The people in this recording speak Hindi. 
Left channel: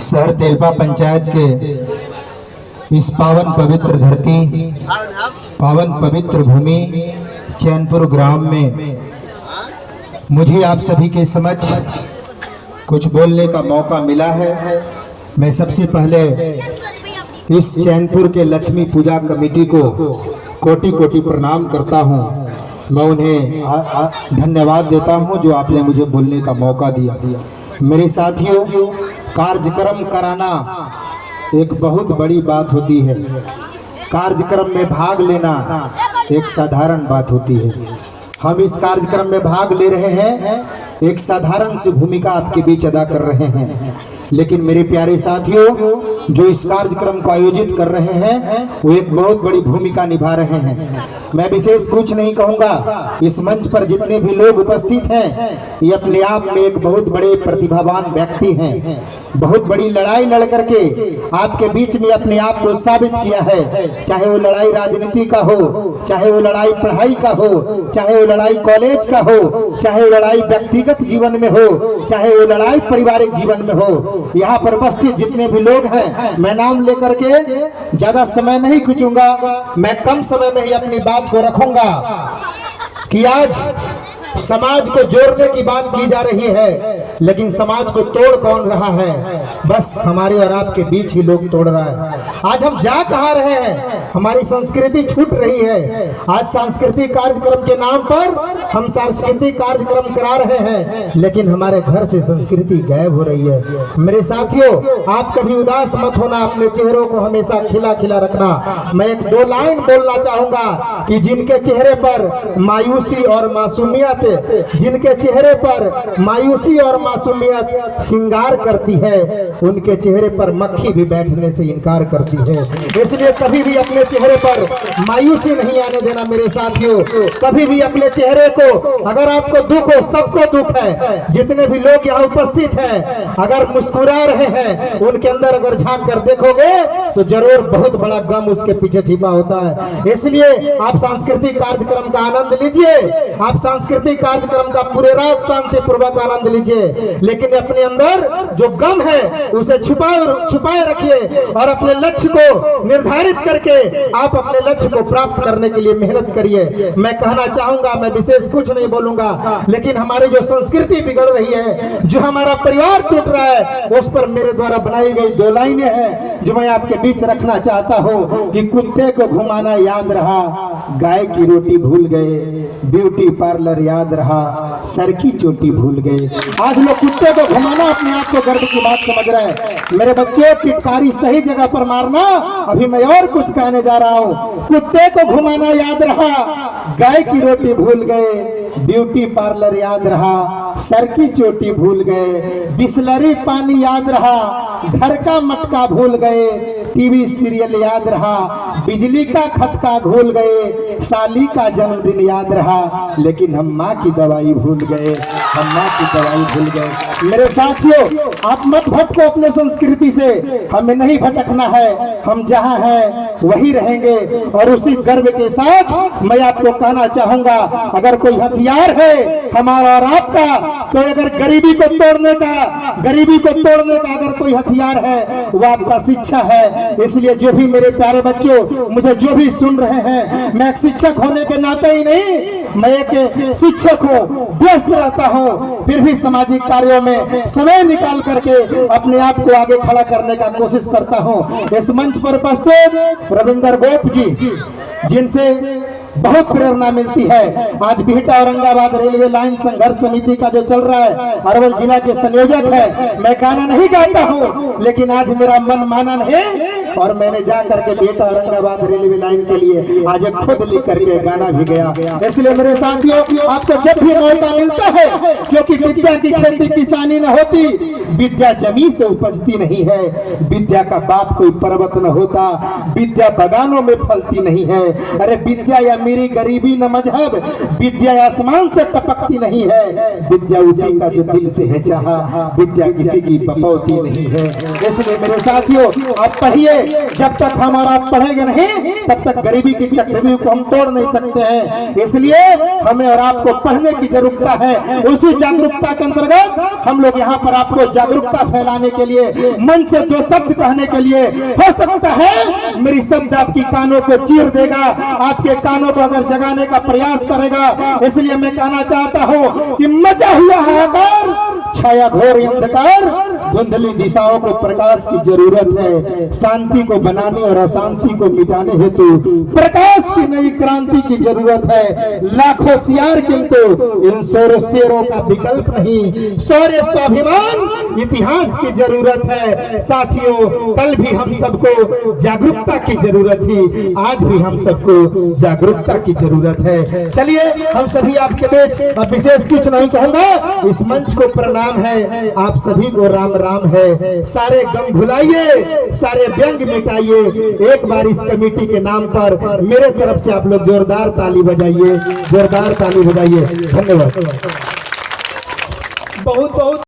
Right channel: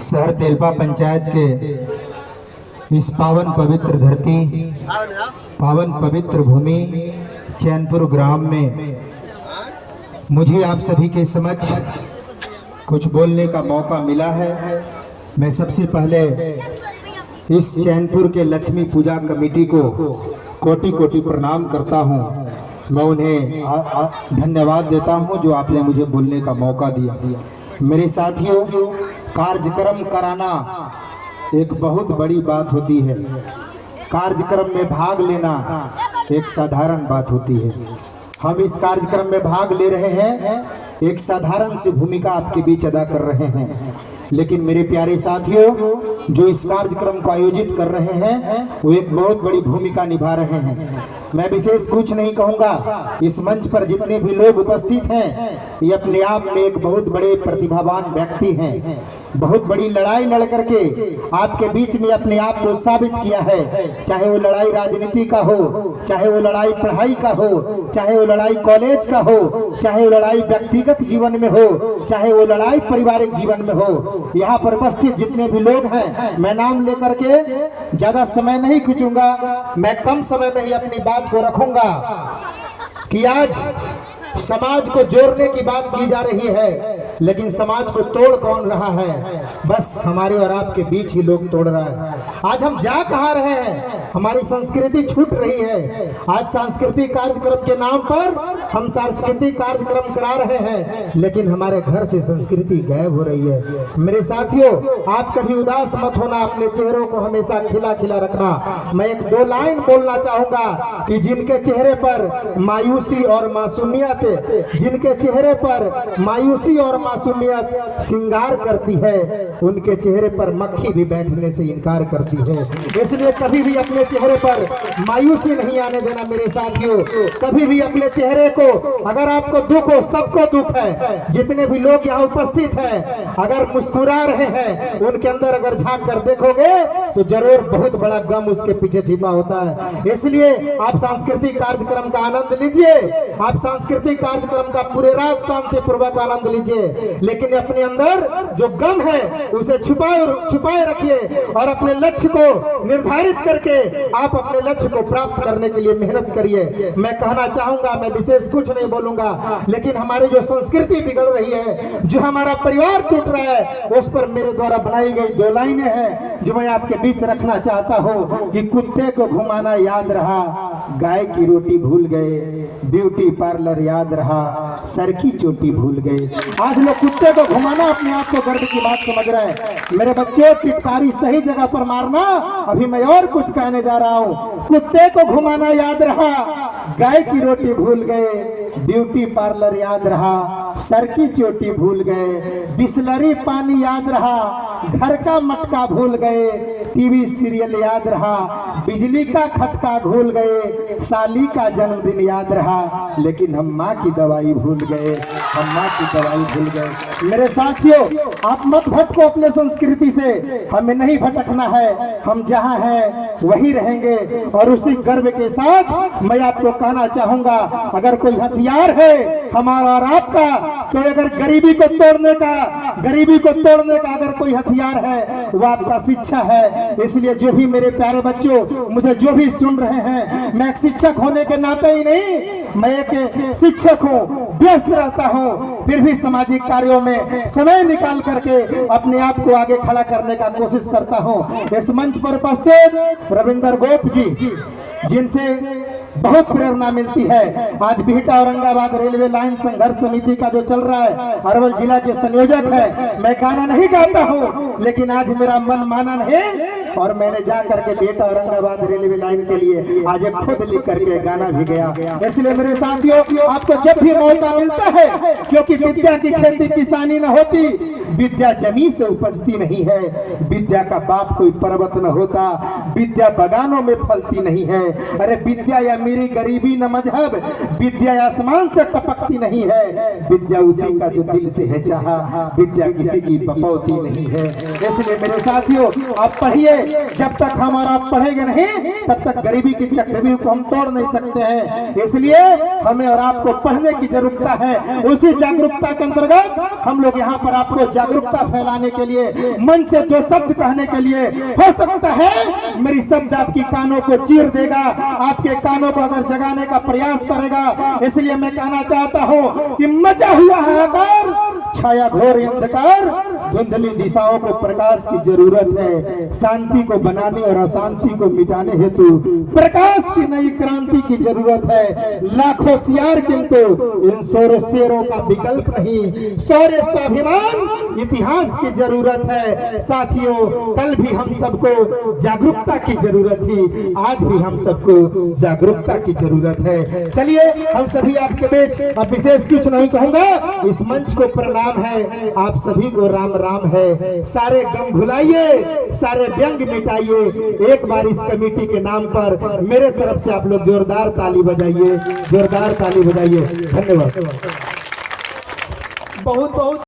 शहर तेलपा पंचायत के इस पावन पवित्र धरती, पावन पवित्र भूमि चैनपुर ग्राम में मुझे आप सभी के समक्ष कुछ बोलने का मौका मिला है। मैं सबसे पहले इस चैनपुर के लक्ष्मी पूजा कमेटी को कोटि कोटि प्रणाम करता हूं। मैं उन्हें धन्यवाद देता हूं जो आपने मुझे बोलने का मौका दिया। मेरे साथियों, कार्यक्रम कराना एक बहुत बड़ी बात होती है। कार्यक्रम में भाग लेना एक साधारण बात होती है। हम इस कार्यक्रम में भाग ले रहे हैं, एक साधारण सी भूमिका आपके बीच अदा कर रहे हैं, लेकिन मेरे प्यारे साथियों जो इस कार्यक्रम को आयोजित कर रहे हैं वो एक बहुत बड़ी भूमिका निभा रहे हैं। मैं विशेष कुछ नहीं कहूंगा। इस मंच पर जितने भी लोग उपस्थित हैं ये अपने आप में एक बहुत बड़े प्रतिभावान व्यक्ति हैं। बहुत बड़ी लड़ाई लड़ करके आपके बीच में अपने आप को साबित किया है। चाहे वो लड़ाई राजनीति का हो, चाहे वो लड़ाई पढ़ाई का हो, चाहे वो लड़ाई कॉलेज का हो, चाहे वो लड़ाई व्यक्तिगत जीवन में हो, चाहे वो लड़ाई पारिवारिक जीवन में हो। यहाँ पर उपस्थित जितने भी लोग हैं, मैं नाम लेकर के ज्यादा समय नहीं खींचूंगा। मैं कम समय में ही अपनी बात को रखूंगा कि आज समाज को जोड़ने की बात की जा रही है, लेकिन समाज को तोड़ कौन रहा है? बस हमारे और आपके बीच ही लोग तोड़ रहा है। आज हम जा कहाँ रहे हैं? हमारी संस्कृति छूट रही है। आज सांस्कृतिक कार्यक्रम के नाम पर हम सांस्कृतिक कार्यक्रम करा रहे हैं, लेकिन हमारे घर से संस्कृति गायब हो रही है। मेरे साथियों, आप कभी उदास मत होना, अपने चेहरों को हमेशा खिला खिला रखना। मैं एक दो लाइन बोलना चाहूंगा कि जिनके चेहरे पर मायूसी और मासूमियत, जिनके चेहरे पर मायूसी और मासूमियत श्रृंगार करती है, उनके चेहरे पर मक्खी भी बैठने से इनकार करती है। इसलिए कभी भी अपने चेहरे पर मायूसी नहीं आने देना मेरे साथियों। कभी भी अपने चेहरे को, अगर आपको दुख हो, सबको दुख है, जितने भी लोग यहाँ उपस्थित हैं अगर मुस्कुरा रहे हैं, उनके अंदर अगर झांक कर देखोगे तो जरूर बहुत बड़ा गम उसके पीछे छिपा होता है। इसलिए आप सांस्कृतिक कार्यक्रम का आनंद लीजिए, आप सांस्कृतिक कार्यक्रम का पूरे रात शांतिपूर्वक आनंद लीजिए, लेकिन अपने अंदर जो गम है उसे छुपाए रखिए और अपने लक्ष्य को निर्धारित करके आप अपने लक्ष्य को प्राप्त करने के लिए मेहनत करिए। मैं कहना चाहूंगा, मैं विशेष कुछ नहीं बोलूंगा, लेकिन हमारी जो संस्कृति बिगड़ रही है, जो हमारा परिवार टूट रहा है, उस पर मेरे द्वारा बनाई गई दो लाइनें हैं जो मैं आपके बीच रखना चाहता हूँ कि कुत्ते को घुमाना याद रहा, गाय की रोटी भूल गए, ब्यूटी पार्लर याद रहा, सर की चोटी भूल गए। आज लोग कुत्ते को घुमाना अपने आप को गर्व की बात समझ रहे हैं। मेरे बच्चे, पिटकारी सही जगह पर मारना। अभी मैं और कुछ कहने जा रहा हूँ। कुत्ते को घुमाना याद रहा, गाय की रोटी भूल गए, ब्यूटी पार्लर याद रहा, सर की चोटी भूल गए, बिसलरी पानी याद रहा, घर का मटका भूल गए, टीवी सीरियल याद रहा, बिजली का खटका भूल गए, साली का जन्मदिन याद रहा, लेकिन हम माँ की दवाई भूल गए, हम माँ की दवाई भूल गए। मेरे साथियों, आप मत भटको अपने संस्कृति से, हमें नहीं भटकना है। हम जहाँ हैं वही रहेंगे और उसी गर्व के साथ मैं आपको कहना चाहूंगा, अगर कोई हथियार है हमारा और आपका, तो अगर गरीबी को तोड़ने का अगर कोई हथियार है वो आपका शिक्षा है। इसलिए जो भी मेरे प्यारे बच्चों, मुझे जो भी सुन रहे हैं, मैं एक शिक्षक होने के नाते ही नहीं, मैं एक शिक्षक हूँ, व्यस्त रहता हूँ, फिर भी सामाजिक कार्यों में समय निकाल करके अपने आप को आगे खड़ा करने का कोशिश करता हूँ। इस मंच पर उपस्थित रविंदर गोप जी, जिनसे बहुत प्रेरणा मिलती है। आज बिहटा औरंगाबाद रेलवे लाइन संघर्ष समिति का जो चल रहा है, अरवल जिला के संयोजक है। मैं गाना नहीं गाता हूँ, लेकिन आज मेरा मन माना नहीं और मैंने जा करके बिहटा औरंगाबाद रेलवे लाइन के लिए आज खुद लिख करके गाना भी गया। इसलिए मेरे साथियों, आपको जब भी मौका मिलता है, क्योंकि विद्या की खेती किसानी न होती, विद्या जमीन से उपजती नहीं है, विद्या का बाप कोई पर्वत न होता, विद्या बगानों में फलती नहीं है। अरे विद्या या मेरी गरीबी न मजहब, विद्या आसमान से टपकती नहीं है, विद्या उसी का जो दिल से है चाहा, विद्या किसी की बपौती नहीं है। इसलिए मेरे साथियों, आप पढ़िए, जब तक हम और आप पढ़ेंगे नहीं तब तक गरीबी की चक्रव्यूह को हम तोड़ नहीं सकते हैं। इसलिए हमें और आपको पढ़ने की जरूरत है। उसी जागरूकता के अंतर्गत हम लोग यहाँ पर आपको जागरूकता फैलाने के लिए मन से दो शब्द कहने के लिए, हो सकता है मेरी शब्द आपकी कानों को चीर देगा, आपके कानों को अगर जगाने का प्रयास करेगा। इसलिए मैं कहना चाहता हूँ कि मचा हुआ हाहाकार, छाया घोर अंधकार, धुंधली दिशाओं को प्रकाश की जरूरत है। शांति को बनाने और अशांति को मिटाने हेतु प्रकाश की नई क्रांति की जरूरत है। लाखों सियार किंतु इन शेरों का विकल्प नहीं। शौर्य स्वाभिमान इतिहास की जरूरत है। साथियों, कल भी हम सबको जागरूकता की जरूरत थी, आज भी हम सबको जागरूकता की जरूरत है। चलिए हम सभी आपके बीच अब विशेष कुछ नहीं कहूंगा, इस मंच को प्रणाम है, आप सभी को राम राम है। सारे गम भुलाइए, सारे व्यंग मिटाइए। एक बार इस कमेटी के नाम पर मेरे तरफ से आप लोग जोरदार ताली बजाइए, जोरदार ताली बजाइए। धन्यवाद। बहुत बहुत